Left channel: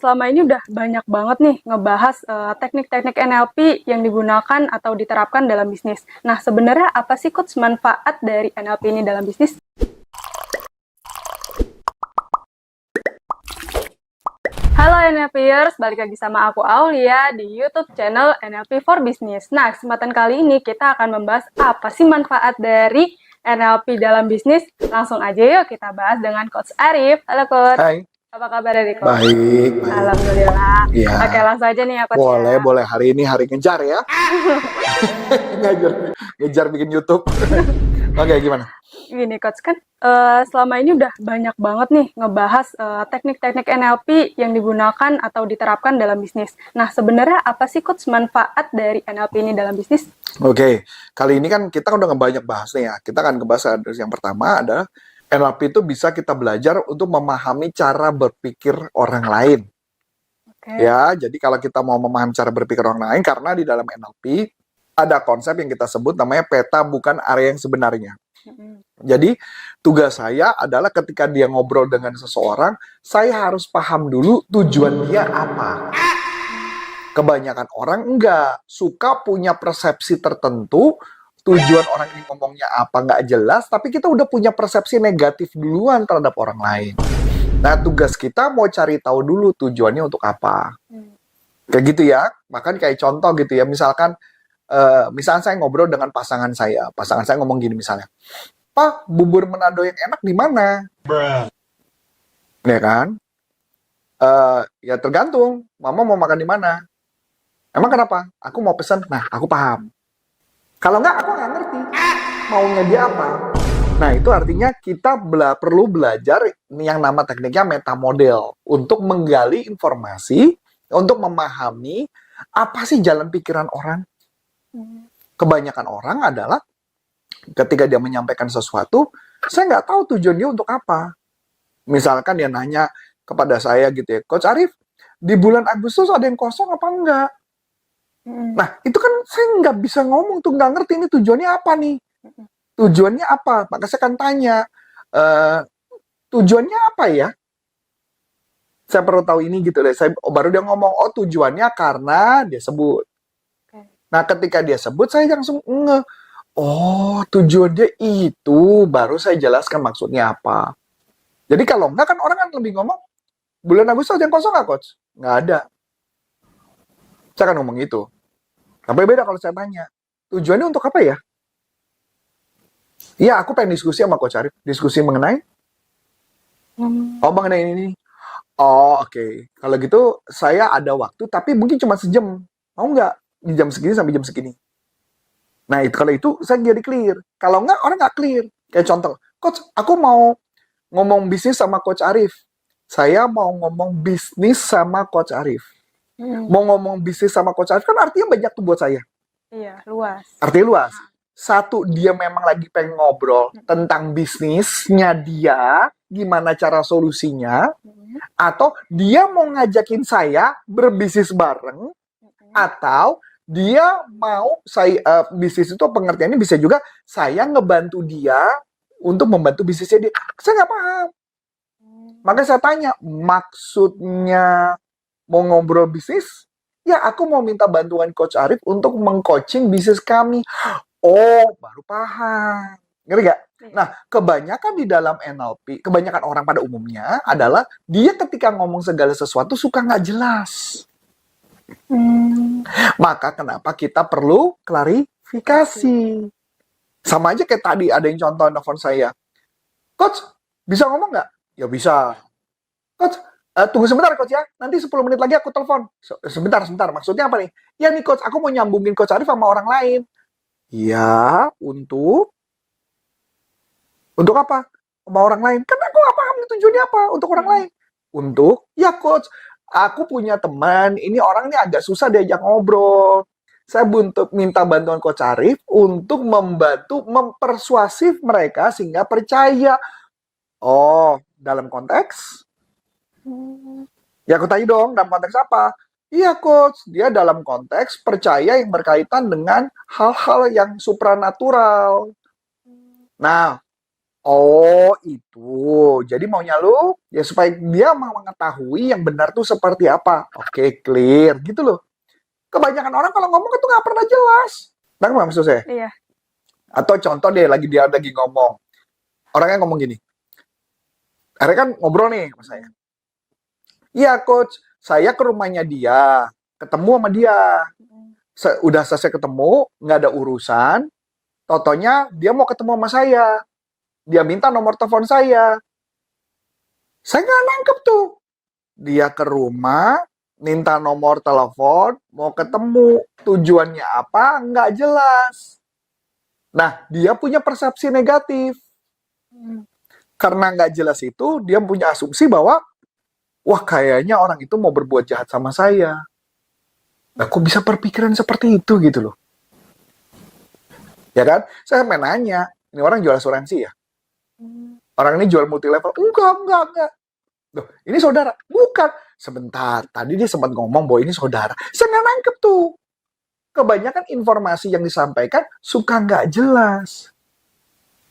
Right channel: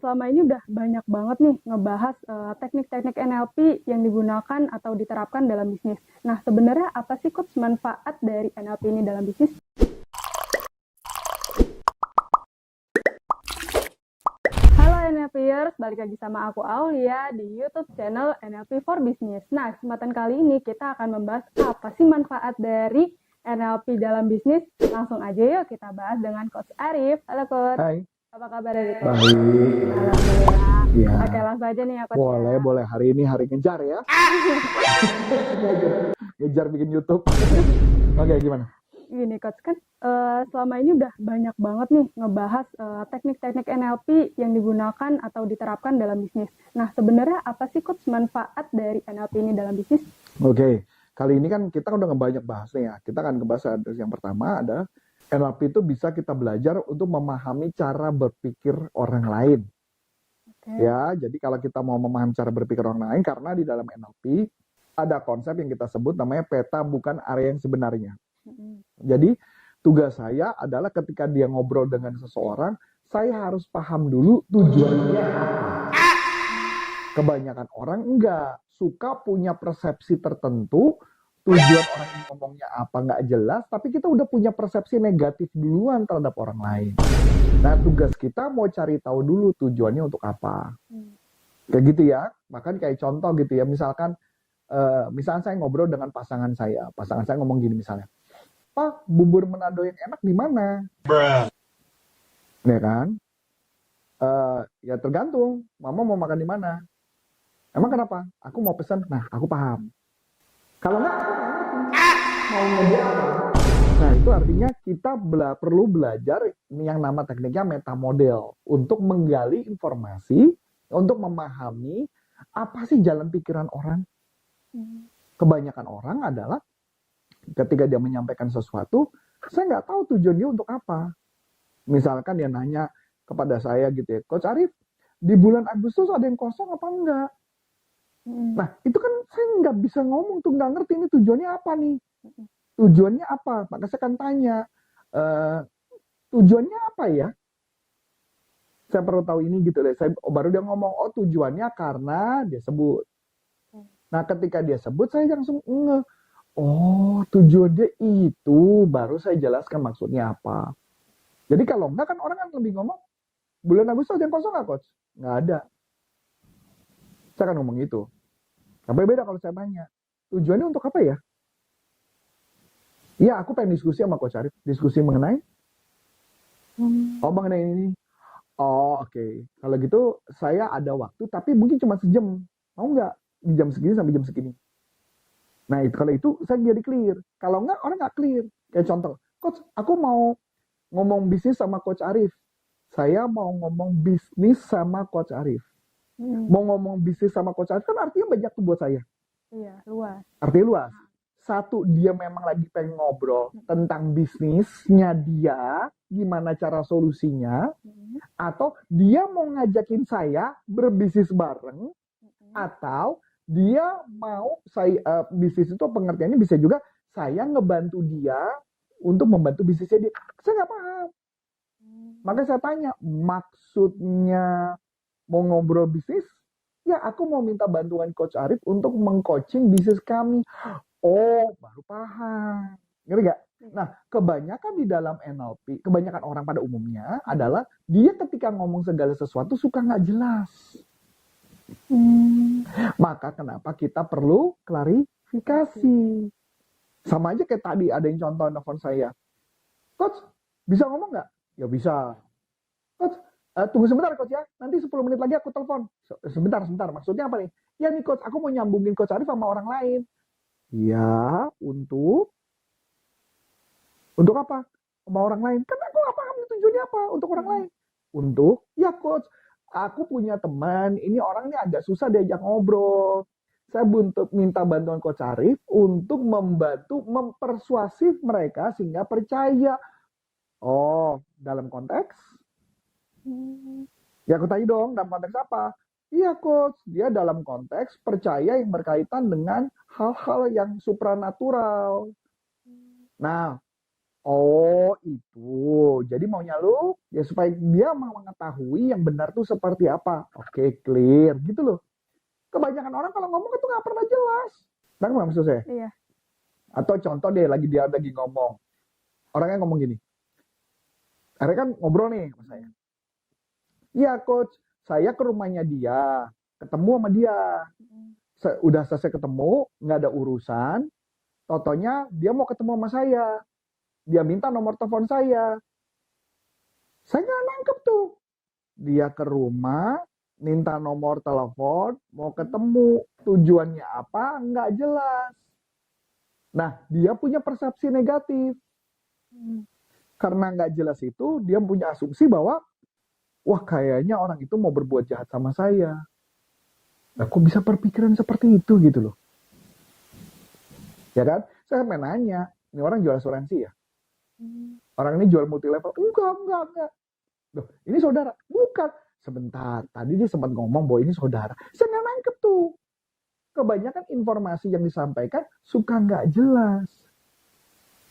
Selama ini udah banyak banget nih ngebahas teknik-teknik NLP yang digunakan atau diterapkan dalam bisnis. Nah, sebenarnya apa sih Coach manfaat dari NLP ini dalam bisnis? Halo NLPers, balik lagi sama aku Aulia di YouTube channel NLP for Business. Nah, kesempatan kali ini kita akan membahas apa sih manfaat dari NLP dalam bisnis. Langsung aja yuk kita bahas dengan Coach Arif. Halo Coach. Hai, Apa kabar dari Coach? baik. Alhamdulillah. Iya. Oke, langsung aja nih ya Coach Boleh, ya. boleh. Hari ini hari ngejar ya. ngejar bikin YouTube. Oke, gimana? Gini Coach, kan selama ini udah banyak banget nih ngebahas teknik-teknik NLP yang digunakan atau diterapkan dalam bisnis. Nah, sebenarnya apa sih Coach manfaat dari NLP ini dalam bisnis? Oke, kali ini kan kita udah banyak bahas nih ya. Kita akan ngebahas yang pertama adalah NLP itu bisa kita belajar untuk memahami cara berpikir orang lain. Oke. Ya, jadi kalau kita mau memahami cara berpikir orang lain, karena di dalam NLP ada konsep yang kita sebut namanya peta bukan area yang sebenarnya. Jadi tugas saya adalah ketika dia ngobrol dengan seseorang, saya harus paham dulu tujuan dia apa. Kebanyakan orang enggak suka punya persepsi tertentu, tujuan orang ini ngomongnya apa nggak jelas, tapi kita udah punya persepsi negatif duluan terhadap orang lain. Nah, tugas kita mau cari tahu dulu tujuannya untuk apa. Kayak gitu ya. Bahkan kayak contoh gitu ya, misalkan misalnya saya ngobrol dengan pasangan saya ngomong gini misalnya, Pak, bubur Manado yang enak di mana? Ya kan? Ya tergantung, Mama mau makan di mana. Emang kenapa? Aku mau pesen. Nah, aku paham. Kalau nggak, aku nggak ngerti maunya dia apa. Nah, itu artinya kita perlu belajar yang nama tekniknya meta model untuk menggali informasi, untuk memahami apa sih jalan pikiran orang. Kebanyakan orang adalah ketika dia menyampaikan sesuatu, saya nggak tahu tujuan dia untuk apa. Misalkan dia nanya kepada saya gitu ya, Coach Arif, di bulan Agustus ada yang kosong apa enggak? Nah, itu kan saya nggak bisa ngomong tuh, nggak ngerti ini tujuannya apa nih. Tujuannya apa? Maka saya akan tanya, tujuannya apa ya? Saya perlu tahu ini gitu deh. Baru dia ngomong, oh tujuannya karena dia sebut. Nah, ketika dia sebut, saya langsung nge, oh tujuan dia itu, baru saya jelaskan maksudnya apa. Jadi kalau enggak kan orang kan lebih ngomong, bulan Agustus ada yang kosong nggak, Coach? Nggak ada. Saya akan ngomong itu. Tapi beda kalau saya tanya, tujuannya untuk apa ya? Iya, aku pengen diskusi sama Coach Arif. Diskusi mengenai, mengenai ini. Oh, oke. Kalau gitu, saya ada waktu, tapi mungkin cuma sejam. Mau nggak? Di jam segini sampai jam segini. Nah, kalau itu, saya jadi clear. Kalau nggak, orang nggak clear. Kayak contoh, Coach, aku mau ngomong bisnis sama Coach Arif. Saya mau ngomong bisnis sama Coach Arif. Mau ngomong bisnis sama Coach Arif, kan artinya banyak tuh buat saya. Iya, luas. Artinya luas. Satu, dia memang lagi pengen ngobrol tentang bisnisnya dia, gimana cara solusinya, atau dia mau ngajakin saya berbisnis bareng, atau dia mau bisnis itu pengertiannya bisa juga saya ngebantu dia untuk membantu bisnisnya dia. Saya nggak paham. Maka saya tanya, maksudnya mau ngobrol bisnis? Ya, aku mau minta bantuan Coach Arif untuk mengcoaching bisnis kami. Oh, baru paham. Ngerti gak? Nah, kebanyakan di dalam NLP, kebanyakan orang pada umumnya adalah dia ketika ngomong segala sesuatu suka nggak jelas. Maka kenapa kita perlu klarifikasi. Sama aja kayak tadi ada yang contoh nelfon saya. Coach, bisa ngomong nggak? Ya bisa. Coach, tunggu sebentar Coach ya. Nanti 10 menit lagi aku telepon. Sebentar. Maksudnya apa nih? Ya nih Coach, aku mau nyambungin Coach Arif sama orang lain. Ya, untuk apa? Sama orang lain. Kan aku nggak paham nih tujuannya apa untuk orang lain. Untuk, ya Coach, aku punya teman, ini orang ini agak susah diajak ngobrol. Saya minta bantuan Coach Arif untuk membantu mempersuasif mereka sehingga percaya. Oh, dalam konteks? Ya aku tanya dong, dalam konteks apa? Iya Coach, dia dalam konteks percaya yang berkaitan dengan hal-hal yang supranatural. Nah, Oh, itu. Jadi maunya lu ya supaya dia mau mengetahui yang benar tuh seperti apa. Oke, clear gitu loh. Kebanyakan orang kalau ngomong itu nggak pernah jelas. Nggak maksud saya? Iya. Atau contoh deh, dia lagi ngomong. Orangnya ngomong gini. Akhirnya kan ngobrol nih sama saya. Iya, coach. Saya ke rumahnya dia. Ketemu sama dia. Udah selesai ketemu, nggak ada urusan. Totonya dia mau ketemu sama saya. Dia minta nomor telepon saya. Saya nggak nangkep tuh. Dia ke rumah, minta nomor telepon, mau ketemu. Tujuannya apa? Nggak jelas. Nah, dia punya persepsi negatif. Karena nggak jelas itu, dia punya asumsi bahwa, wah kayaknya orang itu mau berbuat jahat sama saya. Nah, kok bisa berpikiran seperti itu gitu loh. Ya kan? Saya main nanya, ini orang jual asuransi ya? Orang ini jual multi level? Enggak. Loh, ini saudara? Bukan. Sebentar, tadi dia sempat ngomong bahwa ini saudara. Saya nggak nangkep tuh. Kebanyakan informasi yang disampaikan suka nggak jelas.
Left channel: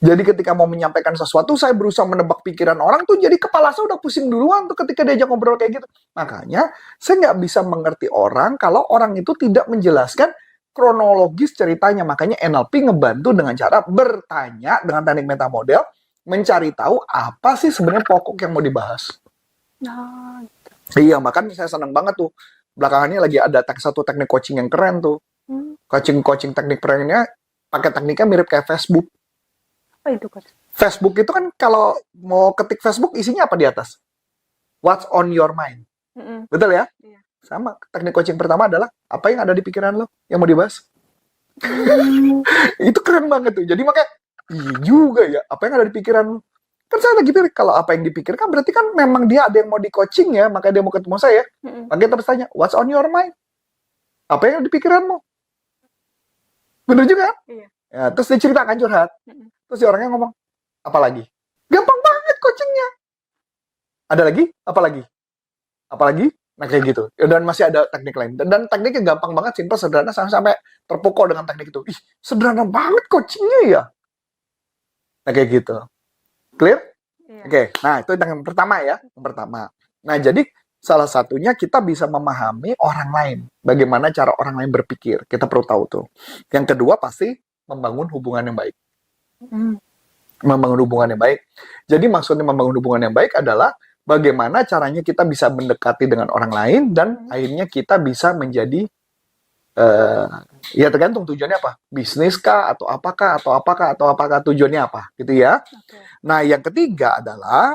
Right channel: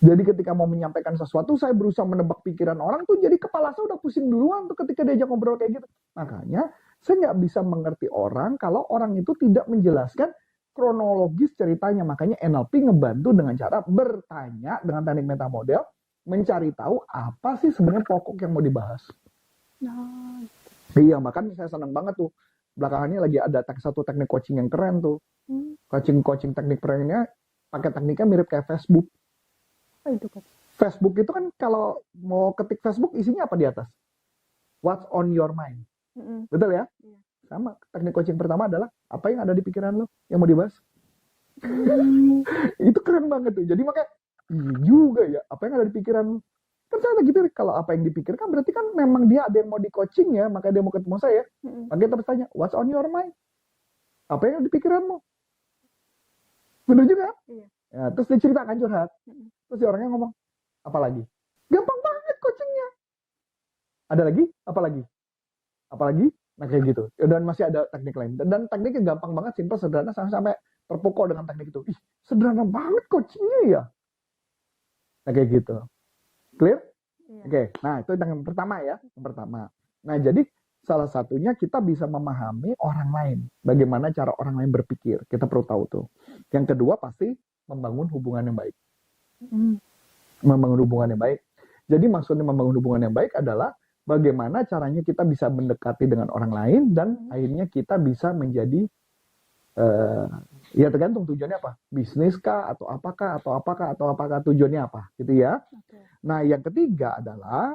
Jadi ketika mau menyampaikan sesuatu, saya berusaha menebak pikiran orang tuh, jadi kepala saya udah pusing duluan tuh ketika diajak ngobrol kayak gitu. Makanya, saya nggak bisa mengerti orang kalau orang itu tidak menjelaskan kronologis ceritanya. Makanya NLP ngebantu dengan cara bertanya dengan teknik meta model, mencari tahu apa sih sebenarnya pokok yang mau dibahas. Nah, Iya, makanya saya senang banget tuh. Belakangan ini lagi ada satu teknik coaching yang keren tuh. Coaching teknik kerennya pakai tekniknya mirip kayak Facebook. apa itu, Coach? Facebook itu kan kalau mau ketik Facebook isinya apa di atas? What's on your mind? Betul ya? Iya. Sama. Teknik coaching pertama adalah apa yang ada di pikiran lo yang mau dibahas. Itu keren banget tuh. Jadi makanya iya juga ya, apa yang ada di pikiran lo. Kan saya lagi pikir kalau apa yang dipikirkan berarti kan memang dia ada yang mau di coaching ya, makanya dia mau ketemu saya. Makanya terus tanya, what's on your mind? Apa yang ada di pikiranmu? Bener juga kan? Iya. Ya, terus dia ceritakan curhat. Terus si orangnya ngomong, apa lagi? Gampang banget coachingnya. Ada lagi? Apa lagi? Apa lagi? Nah kayak gitu. Dan masih ada teknik lain. Dan tekniknya gampang banget, simpel, sederhana, sampai terpukau dengan teknik itu. Ih, sederhana banget coachingnya ya. Nah kayak gitu. Clear? Iya. Oke, nah itu yang pertama ya. Yang pertama. Nah jadi salah satunya kita bisa memahami orang lain. Bagaimana cara orang lain berpikir. Kita perlu tahu tuh. Yang kedua pasti membangun hubungan yang baik. Membangun hubungan yang baik. Jadi maksudnya membangun hubungan yang baik adalah bagaimana caranya kita bisa mendekati dengan orang lain dan akhirnya kita bisa menjadi ya tergantung tujuannya apa, bisnis kah atau apakah tujuannya apa gitu ya. Okay. Nah yang ketiga adalah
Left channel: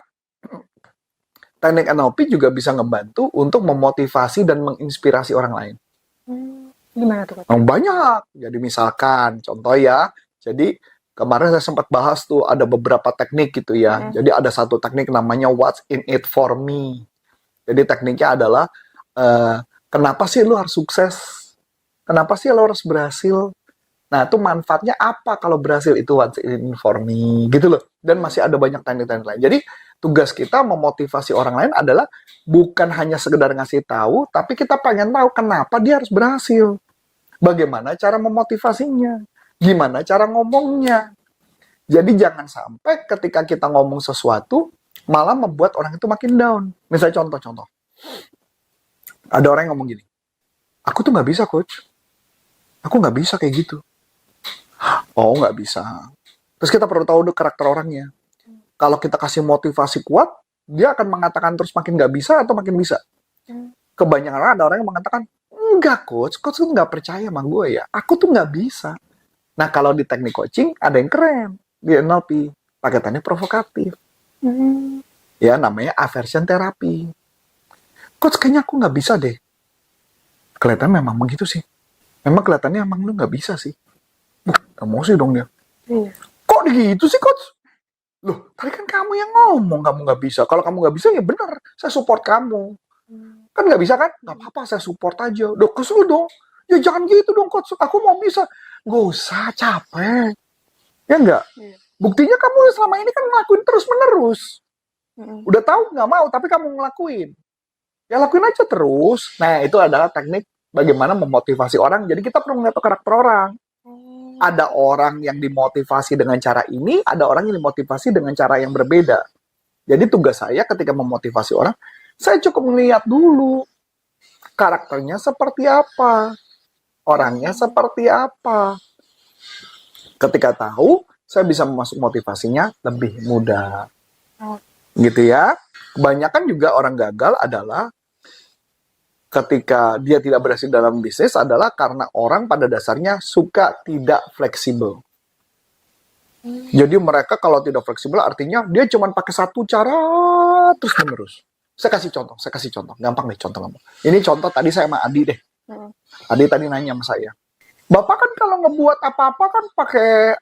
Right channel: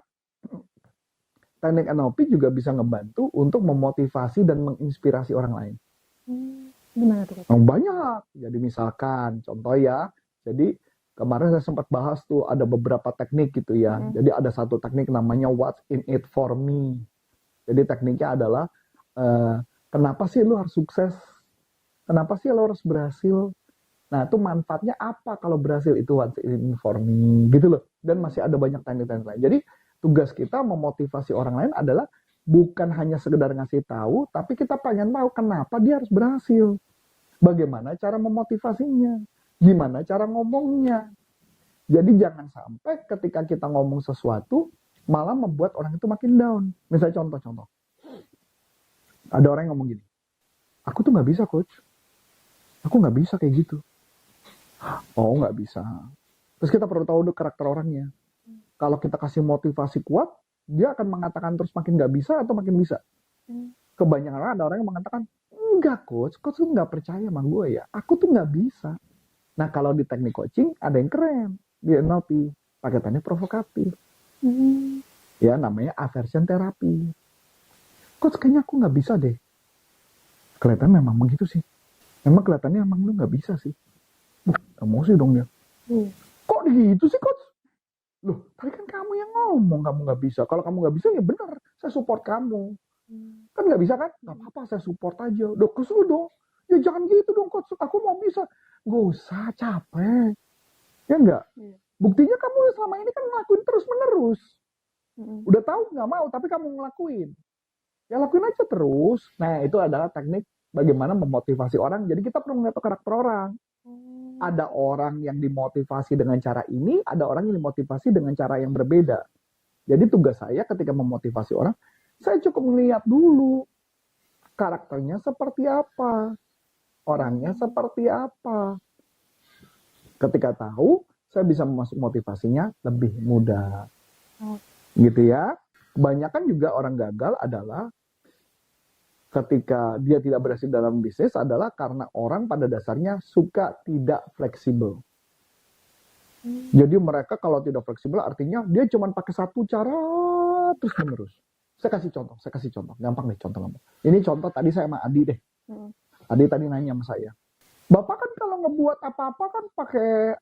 teknik NLP juga bisa ngebantu untuk memotivasi dan menginspirasi orang lain. Gimana tuh, Coach? Banyak. Jadi misalkan contoh ya, jadi kemarin saya sempat bahas tuh ada beberapa teknik gitu ya. Jadi ada satu teknik namanya what's in it for me. Jadi tekniknya adalah kenapa sih lu harus sukses? Kenapa sih lo harus berhasil? Nah, itu manfaatnya apa kalau berhasil? Itu what's in it for me, gitu loh. Dan masih ada banyak teknik-teknik lain. Jadi, tugas kita memotivasi orang lain adalah bukan hanya sekedar ngasih tahu, tapi kita pengen tahu kenapa dia harus berhasil. Bagaimana cara memotivasinya? Gimana cara ngomongnya? Jadi, jangan sampai ketika kita ngomong sesuatu, malah membuat orang itu makin down. Misalnya contoh-contoh. Ada orang yang ngomong gini, aku tuh nggak bisa, coach. Aku nggak bisa kayak gitu. Oh, nggak bisa. Terus kita perlu tahu dulu karakter orangnya. Kalau kita kasih motivasi kuat, dia akan mengatakan terus makin nggak bisa atau makin bisa. Kebanyakan orang ada orang yang mengatakan, enggak coach tuh nggak percaya sama gue ya. Aku tuh nggak bisa. Nah, kalau di teknik coaching, ada yang keren. Di NLP, paketannya provokatif. Ya, namanya aversion therapy. Coach, kayaknya aku nggak bisa deh. Kelihatan memang begitu sih. Memang kelihatannya emang lu nggak bisa sih. Emosi dong dia. Iya. Kok gitu sih, coach? Loh, tadi kan kamu yang ngomong kamu nggak bisa. Kalau kamu nggak bisa, ya benar. Saya support kamu. Kan nggak bisa kan? Nggak apa-apa, saya support aja. Duh, kesel dong. Ya jangan gitu dong, coach. Aku mau bisa. Nggak usah, capek. Ya nggak? Iya. Buktinya kamu selama ini kan ngelakuin terus-menerus. Udah tahu nggak mau, tapi kamu ngelakuin. Ya lakuin aja terus. Nah, itu adalah teknik bagaimana memotivasi orang. Jadi kita perlu melihat karakter orang. Ada orang yang dimotivasi dengan cara ini, ada orang yang dimotivasi dengan cara yang berbeda. Jadi tugas saya ketika memotivasi orang, saya cukup melihat dulu karakternya seperti apa, orangnya seperti apa. Ketika tahu, saya bisa masuk motivasinya lebih mudah. Gitu ya. Kebanyakan juga orang gagal adalah ketika dia tidak berhasil dalam bisnis adalah karena orang pada dasarnya suka tidak fleksibel. Jadi mereka kalau tidak fleksibel artinya dia cuma pakai satu cara terus menerus. Saya kasih contoh. Gampang deh contoh kamu. Ini contoh tadi saya sama Adi deh. Adi tadi nanya sama saya. Bapak kan kalau ngebuat apa-apa kan pakai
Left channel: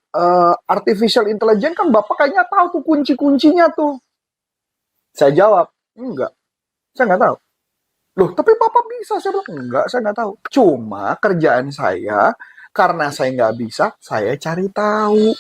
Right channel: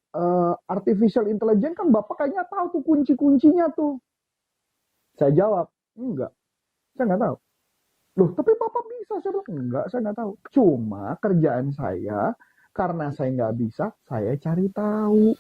artificial intelligence kan Bapak kayaknya tahu tuh kunci-kuncinya tuh. Saya jawab, enggak. Saya nggak tahu. Loh, tapi Bapak bisa. Saya bilang, enggak, saya nggak tahu. Cuma kerjaan saya, karena saya nggak bisa, saya cari tahu.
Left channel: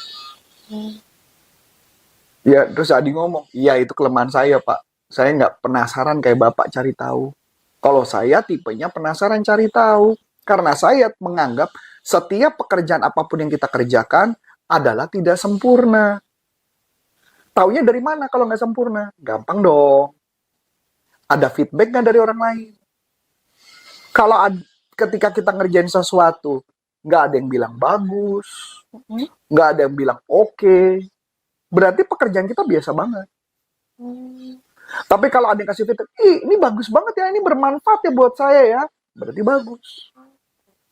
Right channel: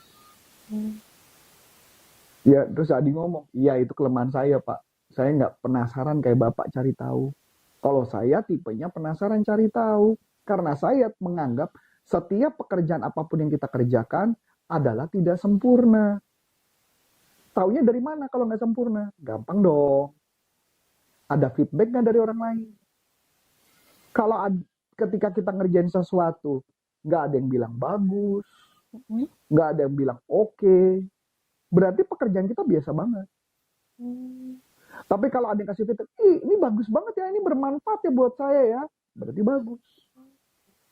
Ya, terus Adi ngomong, iya itu kelemahan saya, Pak. Saya nggak penasaran kayak Bapak cari tahu. Kalau saya tipenya penasaran cari tahu. Karena saya menganggap setiap pekerjaan apapun yang kita kerjakan adalah tidak sempurna. Taunya dari mana kalau nggak sempurna? Gampang dong. Ada feedback nggak dari orang lain? Kalau ketika kita ngerjain sesuatu, nggak ada yang bilang bagus, nggak ada yang bilang oke, berarti pekerjaan kita biasa banget. Tapi kalau ada yang kasih feedback, ini bagus banget ya, ini bermanfaat ya buat saya ya, berarti bagus.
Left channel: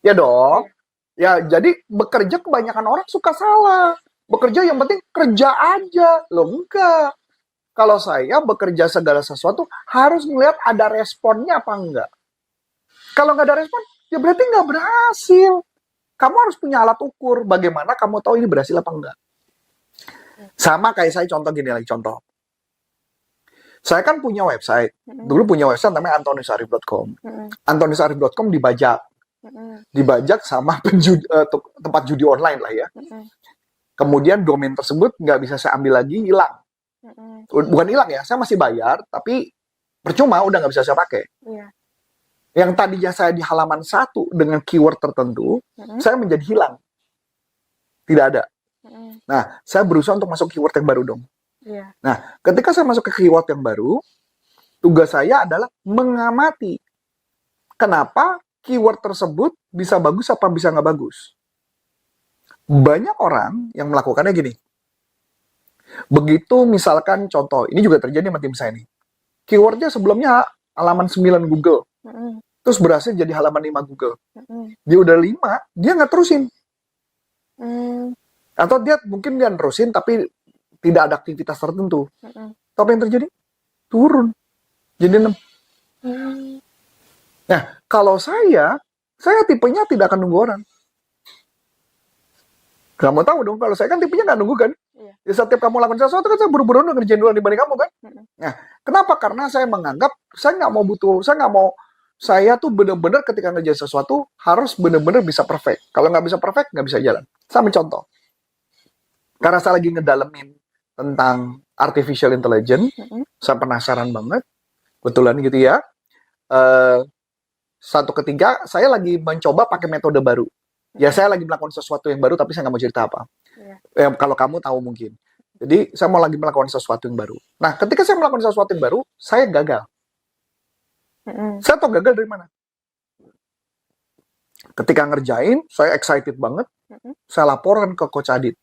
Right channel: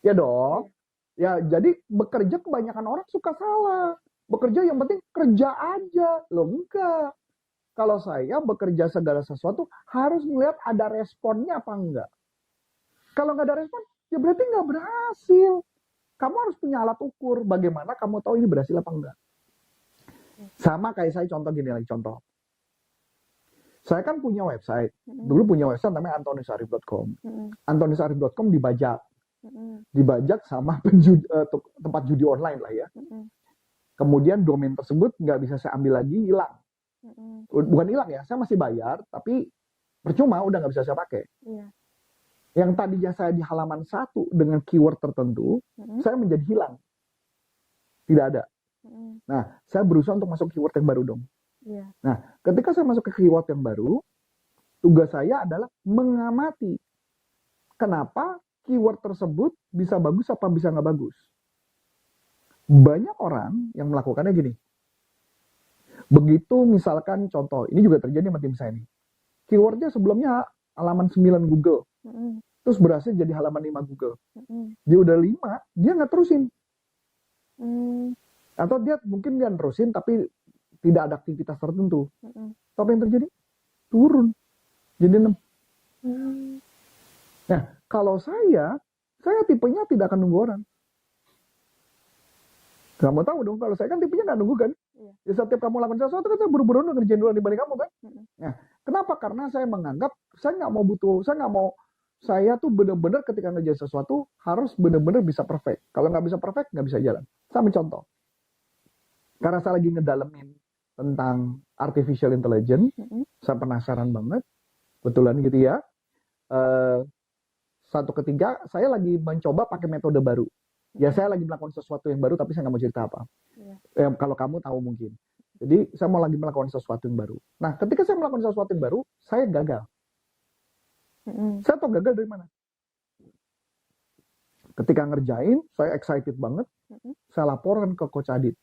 Ya dong. Ya, jadi bekerja kebanyakan orang suka salah. Bekerja yang penting kerja aja. Loh enggak. Kalau saya bekerja segala sesuatu harus melihat ada responnya apa enggak. Kalau nggak ada respon, ya berarti nggak berhasil. Kamu harus punya alat ukur. Bagaimana kamu tahu ini berhasil apa enggak. Sama kayak saya contoh gini lagi, contoh. Saya kan punya website. Dulu punya website namanya antoniusarif.com. Antoniusarif.com dibajak sama tempat judi online lah ya. Kemudian domain tersebut nggak bisa saya ambil lagi, hilang. Bukan hilang ya, saya masih bayar, tapi percuma, udah nggak bisa saya pakai. Yang tadinya saya di halaman 1 dengan keyword tertentu, saya menjadi hilang. Tidak ada. Nah, saya berusaha untuk masuk keyword yang baru dong. Nah, ketika saya masuk ke keyword yang baru, tugas saya adalah mengamati kenapa keyword tersebut bisa bagus apa bisa nggak bagus. Banyak orang yang melakukannya gini. Begitu misalkan contoh, ini juga terjadi sama tim saya nih. Keywordnya sebelumnya halaman 9 Google. Terus berhasil jadi halaman 5 Google. Dia udah 5, dia nggak terusin. Atau mungkin dia terusin tapi tidak ada aktivitas tertentu. Tapi yang terjadi? Turun. Jadi 6. Nah, kalau saya tipenya tidak akan nunggu orang. Kamu tahu dong, kalau saya kan tipenya nggak nunggu kan. Ya, setiap kamu lakukan sesuatu kan saya buru-buru ngerjain duluan dibanding kamu kan. Nah, kenapa? Karena saya menganggap saya tuh benar-benar ketika ngerjain sesuatu harus benar-benar bisa perfect. Kalau nggak bisa perfect, nggak bisa jalan. Sama contoh. Karena saya lagi ngedalemin tentang artificial intelligence, saya penasaran banget. Kebetulan gitu ya. Satu ketiga, saya lagi mencoba pakai metode baru. Ya, saya lagi melakukan sesuatu yang baru, tapi saya nggak mau cerita apa. Kalau kamu tahu mungkin. Jadi, saya mau lagi melakukan sesuatu yang baru. Nah, ketika saya melakukan sesuatu yang baru, saya gagal. Saya tahu gagal dari mana. Ketika ngerjain, saya excited banget. Saya laporan ke Coach Adit.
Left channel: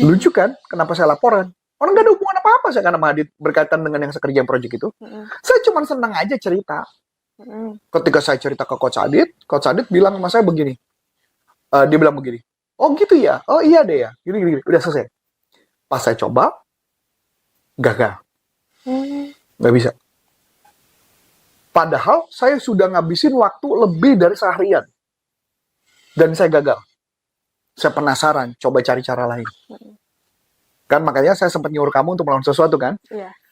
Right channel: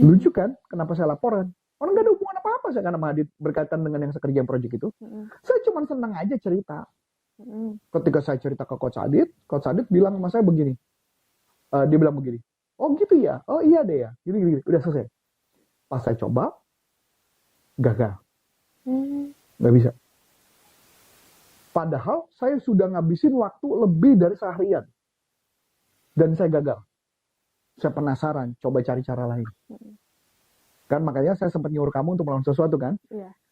Lucu kan? Kenapa saya laporan? Orang nggak ada hubungan apa-apa saya sama Adit berkaitan dengan yang saya kerjain project itu. Saya cuma senang aja cerita. Ketika saya cerita ke Coach Adit bilang sama saya begini. Dia bilang begini. Oh gitu ya? Oh iya deh ya. Gini. Udah selesai. Pas saya coba, gagal. Nggak bisa. Padahal saya sudah ngabisin waktu lebih dari seharian. Dan saya gagal. Saya penasaran, coba cari cara lain. Kan makanya saya sempat nyuruh kamu untuk melakukan sesuatu kan?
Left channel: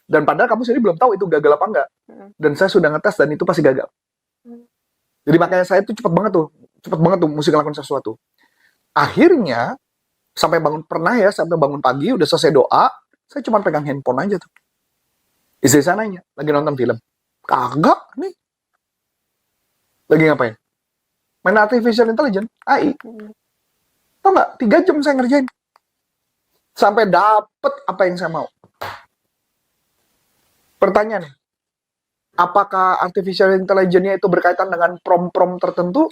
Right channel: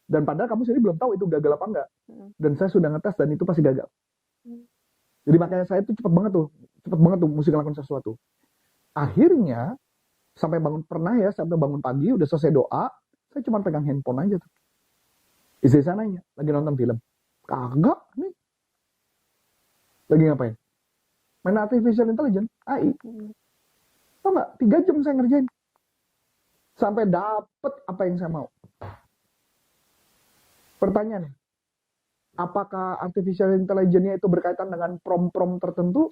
Dan padahal kamu sendiri belum tahu itu gagal apa enggak. Dan saya sudah ngetes dan itu pasti gagal. Jadi makanya saya tuh cepet banget tuh mesti ngelakuin sesuatu. Akhirnya sampai bangun pagi udah selesai doa, saya cuma pegang handphone aja tuh. Istri saya nanya, lagi nonton film. Kagak nih. Lagi ngapain? Main artificial intelligence, AI. Tau nggak? 3 jam saya ngerjain. Sampai dapet apa yang saya mau. Pertanyaannya, apakah artificial intelligence-nya itu berkaitan dengan prom-prom tertentu?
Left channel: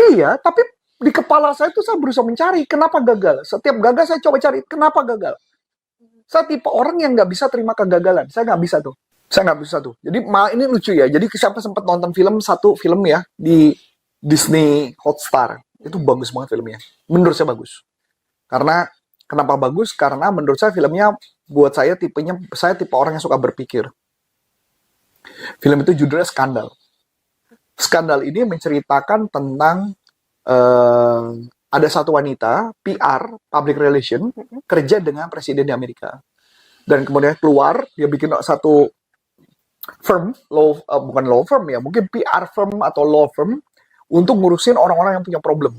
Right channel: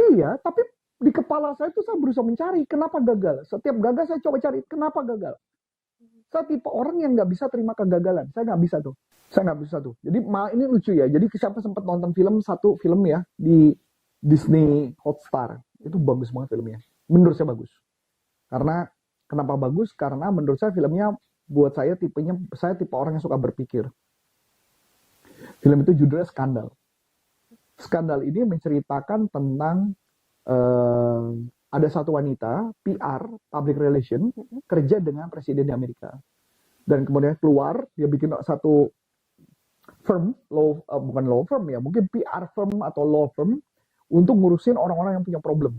Iya, tapi di kepala saya itu saya berusaha mencari kenapa gagal. Setiap gagal saya coba cari kenapa gagal. Saya tipe orang yang nggak bisa terima kegagalan. Saya nggak bisa tuh. Saya nggak bisa tuh. Jadi ini lucu ya. Jadi siapa sempat nonton satu film ya di Disney Hotstar. Itu bagus banget filmnya. Menurut saya bagus. Karena kenapa bagus? Karena menurut saya filmnya buat saya tipe orang yang suka berpikir. Film itu judulnya Skandal. Skandal ini menceritakan tentang ada satu wanita PR, public relation, kerja dengan presiden di Amerika. Dan kemudian keluar, dia bikin satu firm, bukan law firm ya, mungkin PR firm atau law firm, untuk ngurusin orang-orang yang punya problem.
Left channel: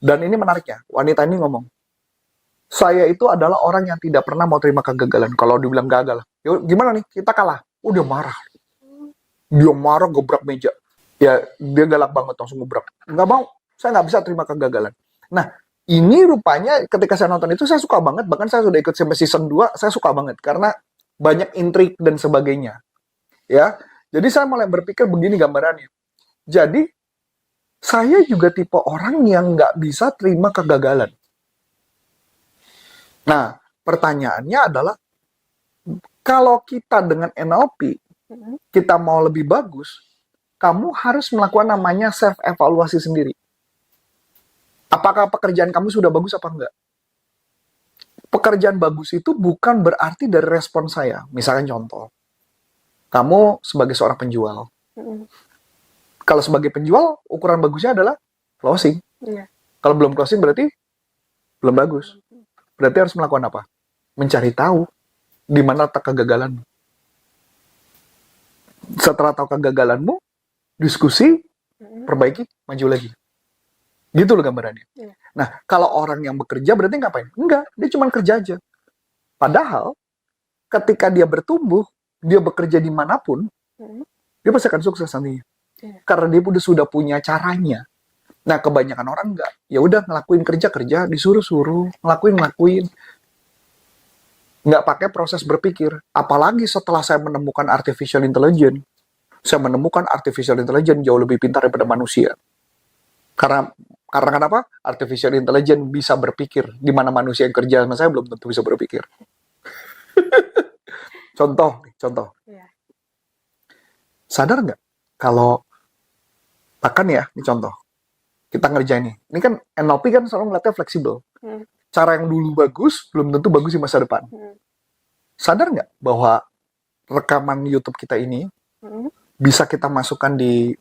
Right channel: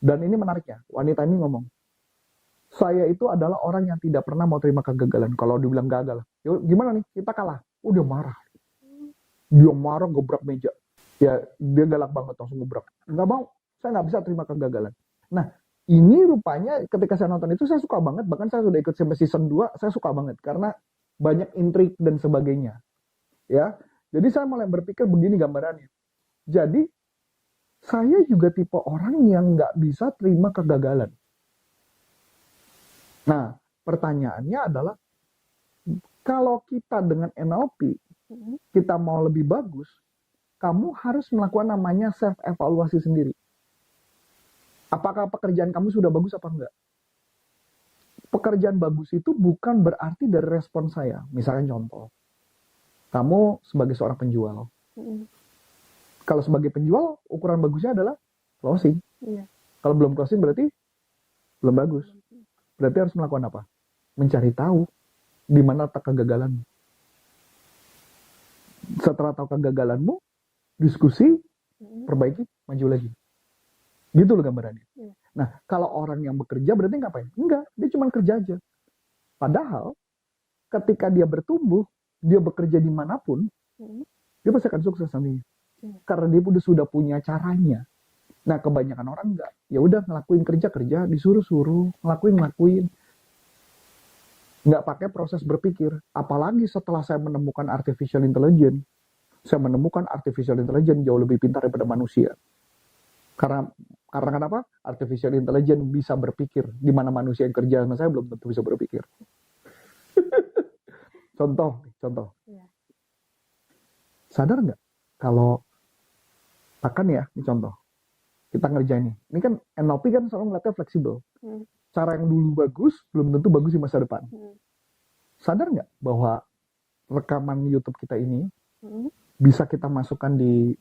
Dan ini menariknya, wanita ini ngomong, saya itu adalah orang yang tidak pernah mau terima kegagalan. Kalau dibilang gagal, ya gimana nih, kita kalah. Oh, dia marah. Dia marah, gebrak meja. Ya, dia galak banget, langsung gebrak. Nggak mau, saya nggak bisa terima kegagalan. Nah, ini rupanya ketika saya nonton itu, saya suka banget. Bahkan saya sudah ikut sampai season 2, saya suka banget. Karena banyak intrik dan sebagainya. Ya, jadi saya mulai berpikir begini gambarannya. Jadi, saya juga tipe orang yang nggak bisa terima kegagalan. Nah, pertanyaannya adalah, kalau kita dengan NLP, kita mau lebih bagus, kamu harus melakukan namanya self-evaluasi sendiri. Apakah pekerjaan kamu sudah bagus apa enggak? Pekerjaan bagus itu bukan berarti dari respon saya. Misalnya contoh, kamu sebagai seorang penjual. Kalau sebagai penjual, ukuran bagusnya adalah closing. Kalau belum closing berarti belum bagus. Berarti harus melakukan apa? Mencari tahu di mana letak kegagalanmu. Setelah tahu kegagalanmu, diskusi, perbaiki, maju lagi. Gitu loh gambarannya. Nah, kalau orang yang bekerja berarti ngapain? Enggak, dia cuma kerja aja. Padahal, ketika dia bertumbuh, dia bekerja dimanapun, dia pasti akan sukses nantinya. Karena dia sudah punya caranya. Nah, kebanyakan orang enggak. Ya udah ngelakuin kerja, disuruh-suruh, ngelakuin. Nggak pakai proses berpikir. Apalagi setelah saya menemukan artificial intelligence, saya menemukan artificial intelligence jauh lebih pintar daripada manusia. Karena kenapa? Artificial intelligence bisa berpikir, di mana manusia yang kerja sama saya belum tentu bisa berpikir. Contoh. Sadar nggak? Kalau, bahkan ya, ini contoh. Kita ngerjain nih. Ini kan NLP kan selalu ngeliatnya fleksibel. Cara yang dulu bagus, belum tentu bagus di masa depan. Sadar nggak bahwa rekaman YouTube kita ini bisa kita masukkan di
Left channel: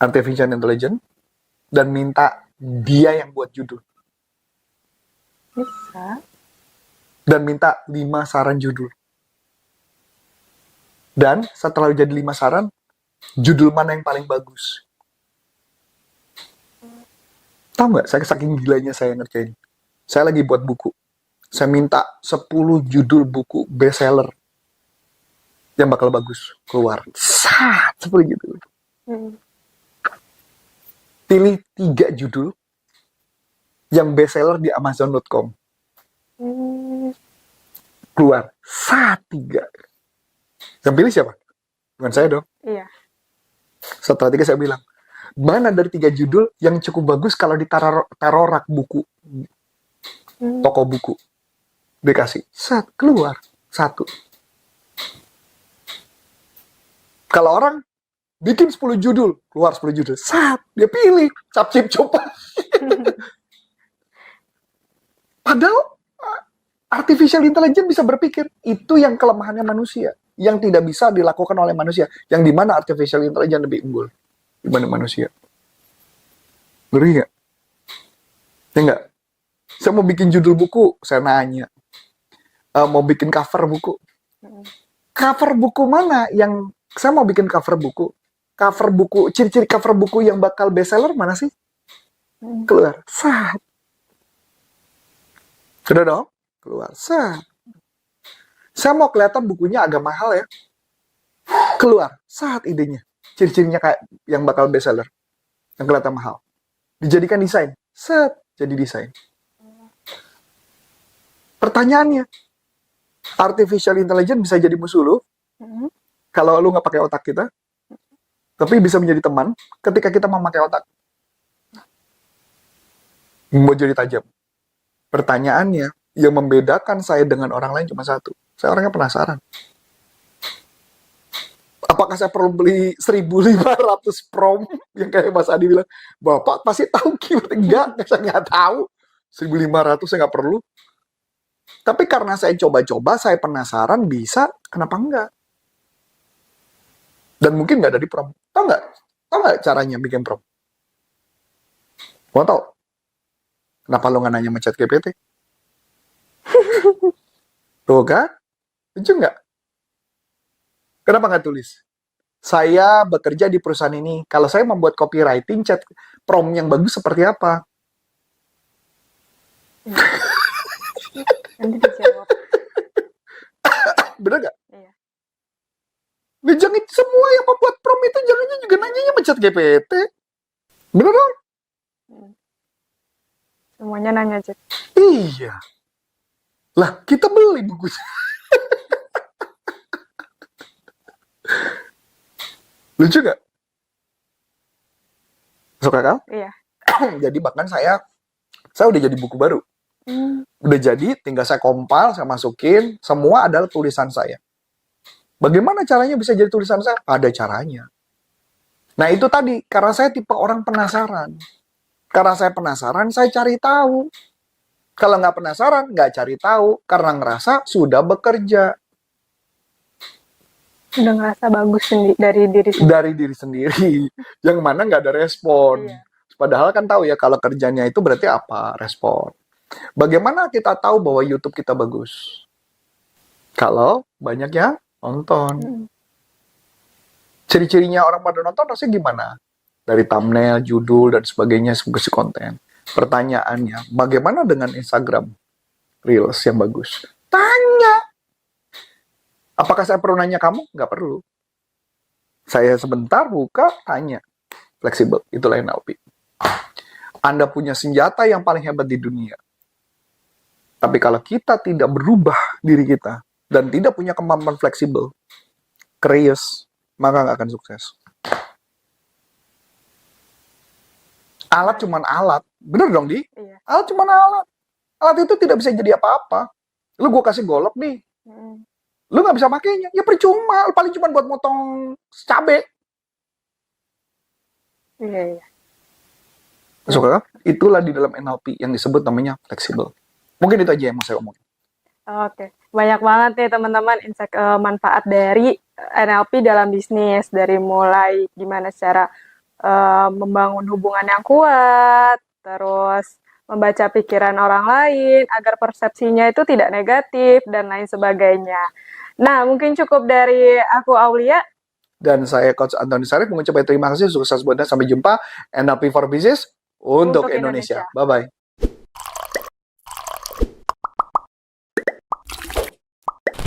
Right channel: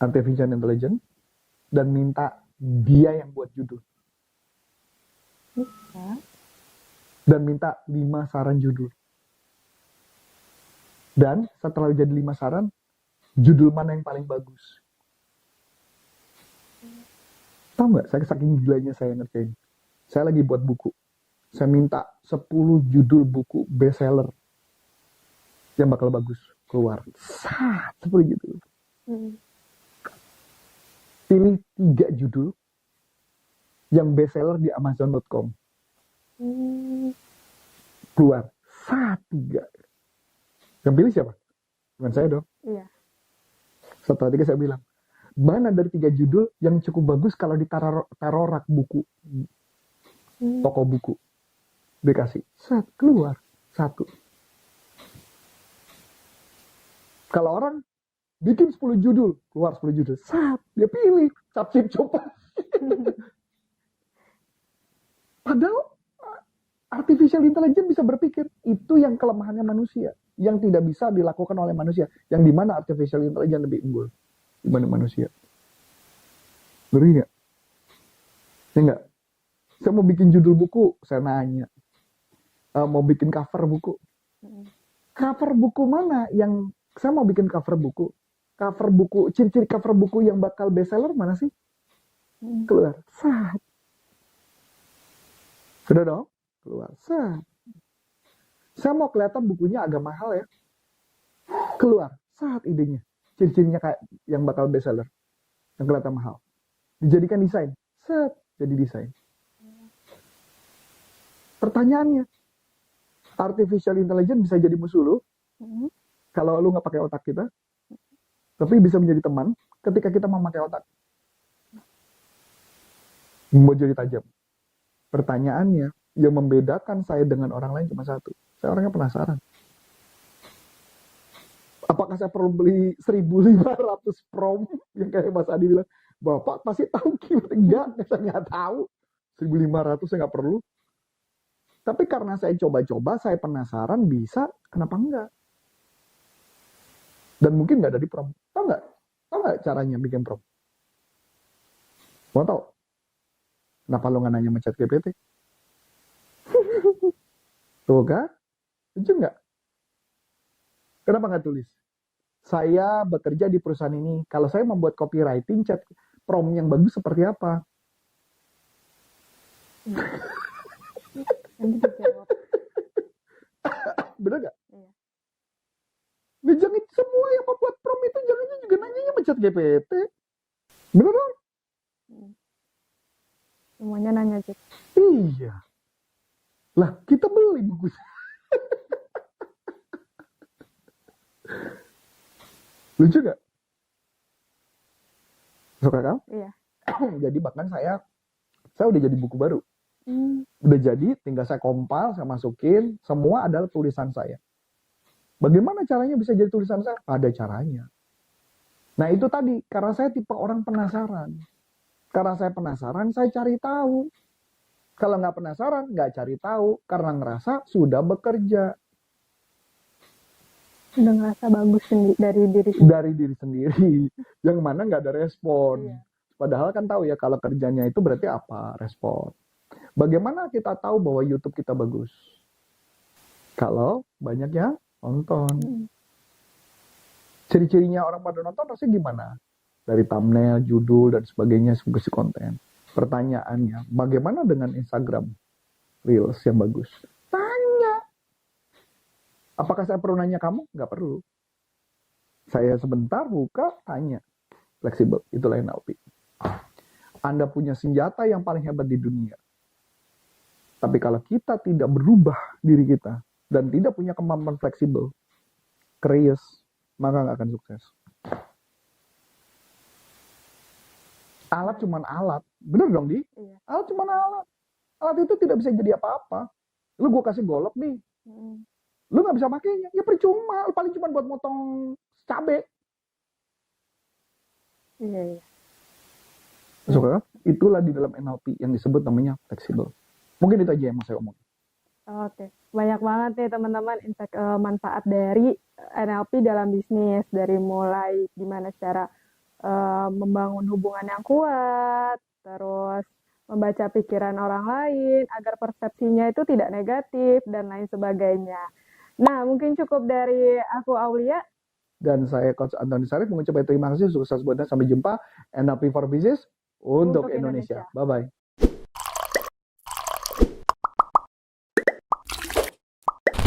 artificial intelligence dan minta dia yang buat judul. Bisa. Dan minta 5 saran judul. Dan setelah jadi 5 saran, judul mana yang paling bagus? Tahu nggak, saya saking gilanya saya ngerjain. Saya lagi buat buku. Saya minta 10 judul buku bestseller yang bakal bagus keluar. Seperti gitu. Pilih 3 judul yang bestseller di Amazon.com. Keluar. 3. Yang pilih siapa? Bukan saya dong. Iya. Setelah 3 saya bilang, mana dari 3 judul yang cukup bagus kalau ditaruh rak buku, toko buku. Dikasih. Keluar. 1. Kalau orang bikin 10 judul, keluar 10 judul. Dia pilih. Cap-cip coba. Padahal artificial intelligence bisa berpikir. Itu yang kelemahannya manusia. Yang tidak bisa dilakukan oleh manusia. Yang dimana artificial intelligence lebih unggul dibanding manusia. Ngeri nggak? Ya nggak? Saya mau bikin judul buku, saya nanya. Mau bikin cover buku. Cover buku mana yang... Saya mau bikin cover buku. Cover buku, ciri-ciri cover buku yang bakal bestseller mana sih? Keluar. Sudah dong? Keluar. Saya mau kelihatan bukunya agak mahal ya. Keluar. Idenya. Ciri-cirinya kayak yang bakal bestseller. Yang kelihatan mahal. Dijadikan desain. jadi desain. Pertanyaannya, artificial intelligence bisa jadi musuh lu kalau lu nggak pakai otak kita, tapi bisa menjadi teman ketika kita memakai otak. Mau jadi tajam. Pertanyaannya, yang membedakan saya dengan orang lain cuma satu. Saya orangnya penasaran. Apakah saya perlu beli 1.500 prom yang kayak Mas Adi bilang, Bapak pasti tahu keyword. Enggak, saya nggak tahu. 1.500 saya nggak perlu. Tapi karena saya coba-coba, saya penasaran bisa, kenapa enggak? Dan mungkin nggak ada di prom. Tahu nggak caranya bikin prom? Mau tahu? Kenapa lo nggak nanya sama ChatGPT? Tuh kan? Lucu nggak? Kenapa nggak tulis? Saya bekerja di perusahaan ini. Kalau saya membuat copywriting, chat prom yang bagus seperti apa? Nanti dijawab. Bener nggak? Iya. Nah, jangan semua yang membuat prom itu jangan juga nanyanya sama ChatGPT. Bener dong? Semuanya nanya Chat. Iya. Lah, kita beli bukunya. Lucu nggak? Suka kan? Iya. Jadi bahkan saya udah jadi buku baru. Udah jadi, tinggal saya compile, saya masukin, semua adalah tulisan saya. Bagaimana caranya bisa jadi tulisan saya? Ada caranya. Nah itu tadi, karena saya tipe orang penasaran. Karena saya penasaran, saya cari tahu. Kalau nggak penasaran, nggak cari tahu. Karena ngerasa sudah bekerja. Udah ngerasa bagus dari diri sendiri. Dari diri sendiri. Yang mana nggak ada respon. Iya. Padahal kan tahu ya, kalau kerjanya itu berarti apa? Respon. Bagaimana kita tahu bahwa YouTube kita bagus? Kalau banyak yang nonton. Ciri-cirinya orang pada nonton rasanya gimana? Dari thumbnail, judul, dan sebagainya, sebagai konten. Pertanyaannya, bagaimana dengan Instagram Reels yang bagus? Tanya. Apakah saya perlu nanya kamu? Nggak perlu. Saya sebentar buka, tanya. Fleksibel, itulah NLP. Anda punya senjata yang paling hebat di dunia. Tapi kalau kita tidak berubah diri kita, dan tidak punya kemampuan fleksibel, curious, maka nggak akan sukses. Alat cuman alat. Bener dong, Di? Iya. Alat cuman alat. Alat itu tidak bisa jadi apa-apa. Lu gue kasih golok nih. Lu nggak bisa pakainya. Ya percuma. Paling cuma buat motong cabe. Iya. Suka kan? Itulah di dalam NLP yang disebut namanya fleksibel. Mungkin itu aja yang mau saya omongin. Oke. Banyak banget nih teman-teman manfaat dari NLP dalam bisnis. Dari mulai gimana cara membangun hubungan yang kuat, terus membaca pikiran orang lain agar persepsinya itu tidak negatif dan lain sebagainya. Nah, mungkin cukup dari aku Aulia. Dan saya Coach Antoni Sarif mengucapkan terima kasih, sukses buat Anda. Sampai jumpa NLP for Business untuk Indonesia. Bye-bye.